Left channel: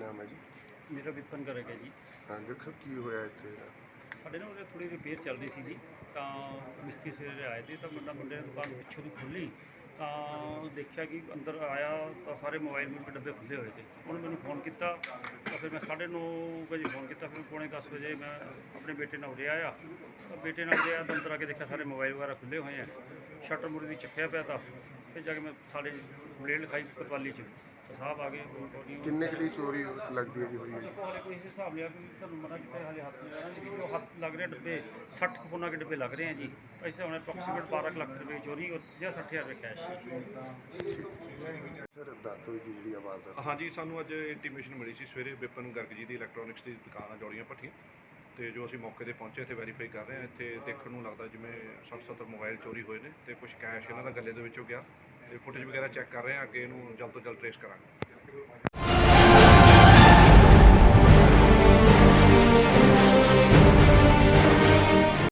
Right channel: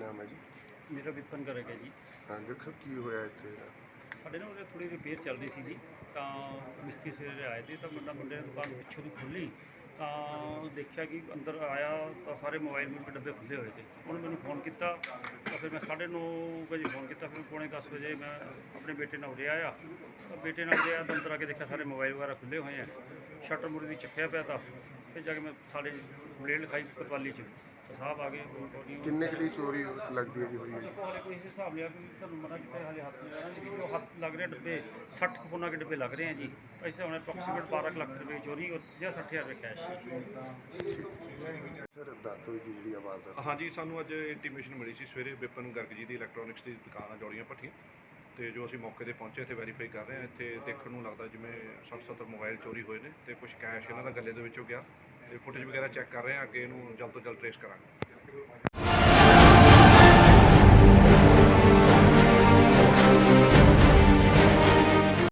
ਨਾਮ ਹੈ ਜੀ? ਮੇਰਾ ਵਿਪਨ ਗਰਗ ਹੈ ਜੀ। ਹਾਂ ਦੇਖੋ ਕੀ ਹੋਇਆ ਇੱਥੇ। ਸਾਡੇ ਨਾਲ ਉਹਦੇ ਥੋੜੀ ਰਿਪੇਅਰ ਚੱਲ ਰਹੀ ਸੀ ਜੀ। ਤਾਂ ਮਿਸਤਰੀ ਸਵੇਰੇ ਆਏ ਤੇ ਤਾਂ ਮੁੰਡਾ ਮੁੰਡੇ ਨੇ ਦੁਕਾਨ ਪਿੱਛੋਂ ਦੀ ਖੋਲ੍ਹੀ। ਤਾਂ ਦੇਖਿਆ ਕਿ ਅੰਦਰ ਆਇਆ ਤਾਂ ਸਾਰੇ ਮੋਬਾਈਲ ਮੇਰੇ ਡੱਬੇ ਖੁੱਲੇ ਹੋਏ ਤੇ। ਉਹਨੇ ਮੈਨੂੰ ਫੋਨ ਕੀਤਾ। ਤਾਂ ਫਿਰ ਮੈਂ 9:30 ਵਜੇ ਫੋਨ ਕੀਤਾ। ਫਿਰ ਪੌਣੇ 10 ਵਜੇ ਮੈਂ ਆਪਣੇ ਬੇਟੇ ਨਾਲ ਉਰੇ ਆਇਆ। ਤਾਂ ਬੇਟੇ ਨਾਲ ਗਿਆ ਤਾਂ ਅੰਦਰ ਆ ਕੇ ਦੇਖਿਆ ਸਾਰੇ ਮੋਬਾਈਲ ਵਗੈਰਾ ਖੁੱਲੇ ਹੋਏ ਆ। ਸ਼ਟਰ ਮੁਰਦੀ ਚੱਕਿਆ ਪਿਆ ਤਾਂ। ਫਿਰ ਜਾ ਕੇ ਮੈਂ ਸਾਡੇ ਬਲੇਡ ਲਿਖਾਈ ਪਤਵਾਲੀ 'ਚ। ਸਾਹਿਬ ਆ ਗਏ ਉਹ- ਕਿੰਨੇ ਕੁ ਦੀ ਚੋਰੀ ਲੱਗਦੀ ਹੈ ਜੀ ਹੋਈ ਹੈ? ਜੀ? ਕੋਈ ਇਸ ਹਿਸਾਬ ਲਿਆ ਕਿ ਤੁਹਾਨੂੰ ਮਨਾ ਕੀਤਾ ਹਲੇ ਹੱਥ ਨਹੀਂ ਲੇਕਿਨ ਜੋ ਹੱਥ ਲੱਗ ਰਿਹਾ ਡੱਬੇ 60 ਕੁ ਫੋਨਾਂ ਦੇ ਡੱਬੇ ਲੱਗ ਰਹੇ ਆ ਜੀ। ਐਸੇ ਹੁਣ ਅਪਰੋਕਸੀਮੇਟ 12 ਕੁ ਲੱਖ ਰੁਪਏ ਚੋਰੀ ਔਰ 60000 ਰੁਪਏ ਕੈਸ਼ ਸਰ ਦੱਸ ਦਿਓ ਜੀ ਜਿਹੜੀ ਆਵਾਜ਼ ਦਾ ਹਾਂਜੀ ਸਾਨੂੰ ਅੱਜ ਇੰਟੀਮੇਸ਼ਨ ਮਿਲੀ ਸੀ ਸਵੇਰੇ ਵਿਪਨ ਗਰਗ ਜੀ ਦੀ ਇਲੈਕਟ੍ਰੋਨਿਕਸ ਦੀ ਦੁਕਾਨ ਆ ਜੋੜੀਆਂ ਭੱਠੀਆਂ। ਤੇ ਜੋ ਅਸੀਂ ਮੌਕੇ ਤੇ ਪਹੁੰਚੇ ਤੇ ਵੈਰੀਫਾਈ ਕਰ ਰਹੇ ਹਾਂ। ਇੱਥੇ ਦੇਖਣ ਨੂੰ ਲੱਗਦਾ ਜਿਵੇਂ 60 70 ਮੋਬਾਈਲ ਚੋਰੀ ਹੋਏ ਨੇ ਤੇ ਕੁਝ ਕੈਸ਼ ਇਹਨਾਂ ਦਾ ਗੱਲੇ ਦੇ ਵਿੱਚੋਂ ਗਿਆ। ਫੁਟੇਜ ਵਗੈਰਾ ਚੈੱਕ ਕਰ ਰਹੇ ਹਾਂ ਅੱਗੇ ਇਹਨੂੰ ਜਲਦ ਤੋਂ ਜਲਦ ਟ੍ਰੇਸ ਕਰਾਂਗੇ।